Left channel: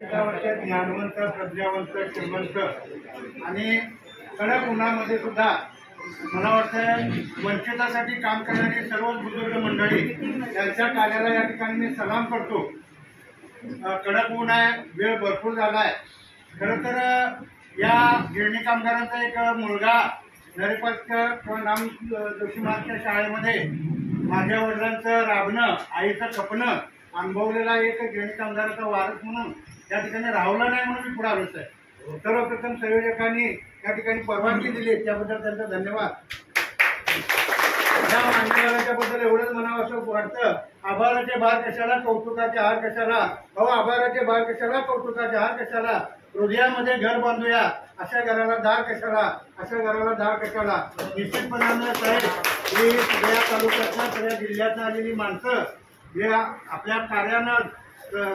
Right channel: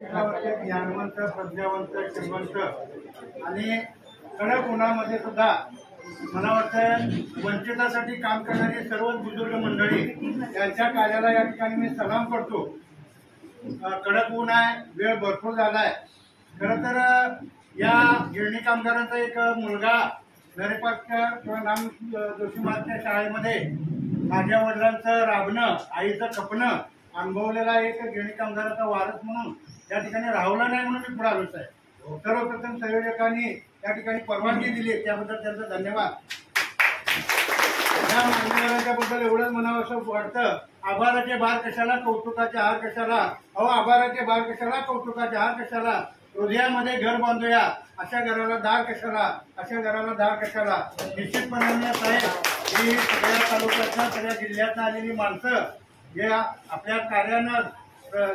ज्ञानवंत, प्रज्ञावंत, श्रीमंत आणि कडक उन्हामध्ये सुद्धा मला वाटतं वंचितासाठी काम करणारी सर्वच बुजुर्ग मंडळी यांच्या कार्याला या ठिकाणी मी सलाम करतो। कडक ऊन आहे, वेळ भरपूर झाला आहे। खरं तर या गिरणी कामगारांचा एक मुलगा नरेपाटकर किंवा नाम जोशी महाराजच्या शाळेमध्ये माझ्या वडिलांचं राबणं, आईचं खपणं अनुभवलेला एक गिरणी कामगाराचा वारस म्हणून या ठिकाणी राहुला नाही म्हणून मी पुढे आलोच आहे। सर्वप्रथम संयोजकांनी या ठिकाणी परवानगी दिली त्याबद्दल त्यांचा धन्यवाद। या मान्यवरांच्याबद्दल एवढंच म्हणावं असं वाटतं, आभाराचे भार कशाला, कौतुकाचे हार कशाला। अहो आभाराचे भार कशाला, कौतुकाचे हार कशाला, हृदयामध्ये घर बांधूया, अशा घराला दार कशाला, अशा घराला दार कशाला। निश्चितपणानं साहेब ही सगळ्या तालुक्यातल्या सगळ्या जिल्ह्यातून आलेली माणसं जे आपल्या कार्यानं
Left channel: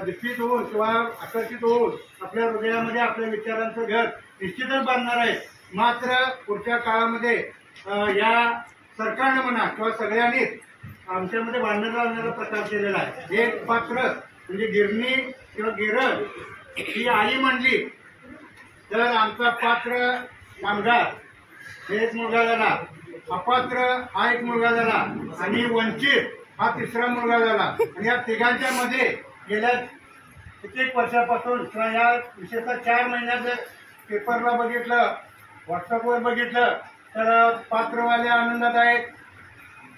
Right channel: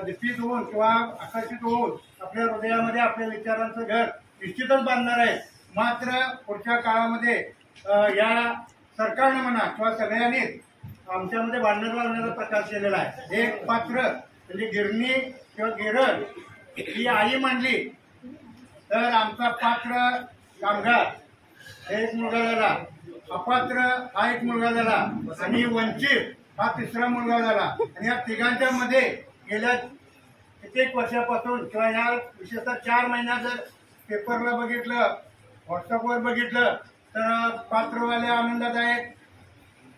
दिष्टित होऊन किंवा आकर्षित होऊन आपल्या हृदयामध्ये आपल्या विचारांचं घर निश्चितच बांधणार आहे। मात्र पुढच्या काळामध्ये या सरकारनं म्हणा किंवा सगळ्यांनीच आमच्यामध्ये भांडण लावण्याचा प्रकार केलेला आहे। एक पात्र म्हणजे गिरणी किंवा गिरण ही आई म्हणली तर आमचा पात्र कामगार हे एक मुलगा झाला, अपात्र हा एक मुलगा झाला आणि वंचित हा तिसरा मुलगा झाला। आणि या तिघांच्या मध्ये गेल्या कित्येक वर्षापासून किंवा या विशेषतः 4 महिन्यात जर पेपरला बघितलं, व्हॉट्सअपवर बघितलं तर पात्रवाले आनंदात आहेत,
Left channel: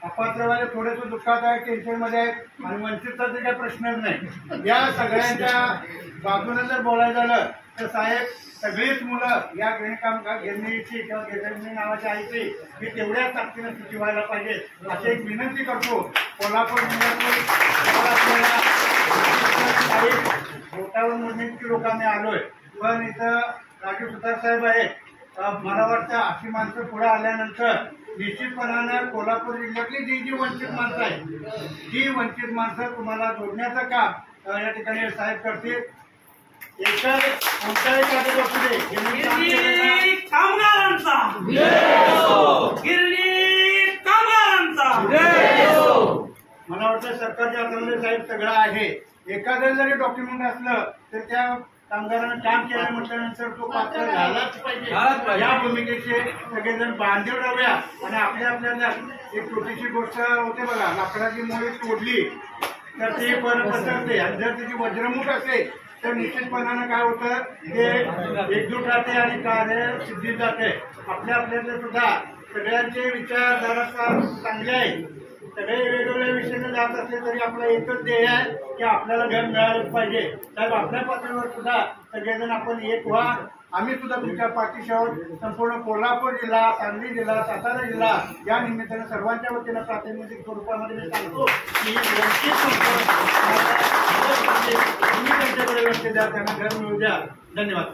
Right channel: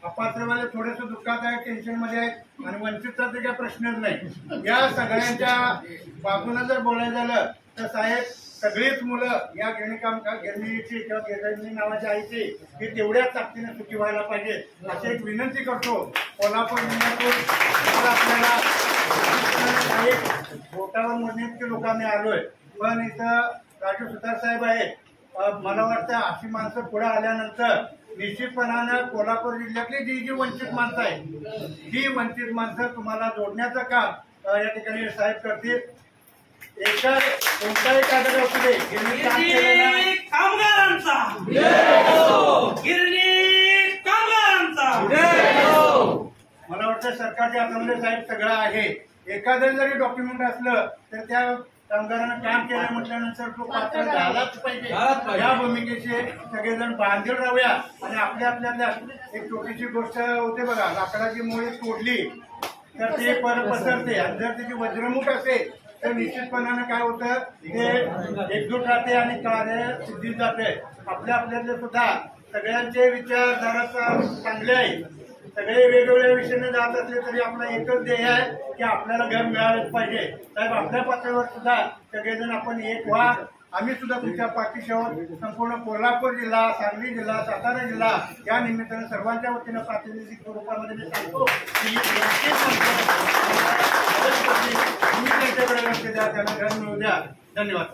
अपात्रवाले थोडेसे दुःखात आहेत, टेन्शनमध्ये आहेत आणि वंचितचा तर काही प्रश्नच नाही। या सगळ्यांच्या बाजूने जर बोलायचं झालं तर साहेब सगळीच मुलं या गिरणीची किंवा गिरणी नावाच्या आईची ही तेवढ्याच ताकदीने सुखी व्हायला पाहिजे अशी एक विनंती करतो। कोल्हापूर जिल्ह्यातून आपल्याला काही बोटावर मोजण्याची लोक आम्ही आलोय, पण इथं राजू सुतार साहेब आहेत। मला वाटतं अशी माणसं पुढे आल्यानंतर निश्चितपणानं कोल्हापूर जिल्ह्यातली जी वंचित माणसं आहेत ती वंचित माणसं तुम्हाला जोडण्याचं काम या ठिकाणी साहेब करतील। एका कोणत्याही कागद असू दे, मला वाटतं सरकारच्या हातामध्ये साहेब सगळं आहे। एखादं जरी डॉक्युमेंट असलं तर त्या कामगारांना काम केलं म्हटल्यानंतर तो पात्र झालाच पाहिजे। या भूमिकेचे सगळेजण बांधील राहूया आणि आपल्या एक छोटीशी गोष्ट होते बघा, लाकडाची मोळी तोडली तर ती परत पसरते आणि जर त्याची वज्रमुठ असेल तर निश्चितपणानं काय होतं ते एकजूट राहते आणि कार्य सिद्धीत जाते। आपल्यातले सुद्धा सगळ्यांचे विचार जरासा चांगले आहे, सगळे वेगवेगळ्या विषयाने जात असले तरी आपला एकच ध्येय आहे की आपल्याला घर मिळालंच पाहिजे। साहेब आपल्या पातळीवर सुद्धा सगळेजण आपण एक व्हा, आम्ही सुद्धा तुमच्या पाठीशी आहोत। संपूर्ण कोल्हापूर जिल्हा, सांगली जिल्हा, सातारा जिल्हा या निमित्तानं सर्वांच्या वतीनं प्रातिनिधिक स्वरूपामध्ये मी सांगतो की तुम्ही त्यांच्याकडे लक्ष द्या, त्यांना घर मिळू द्या। धन्यवाद।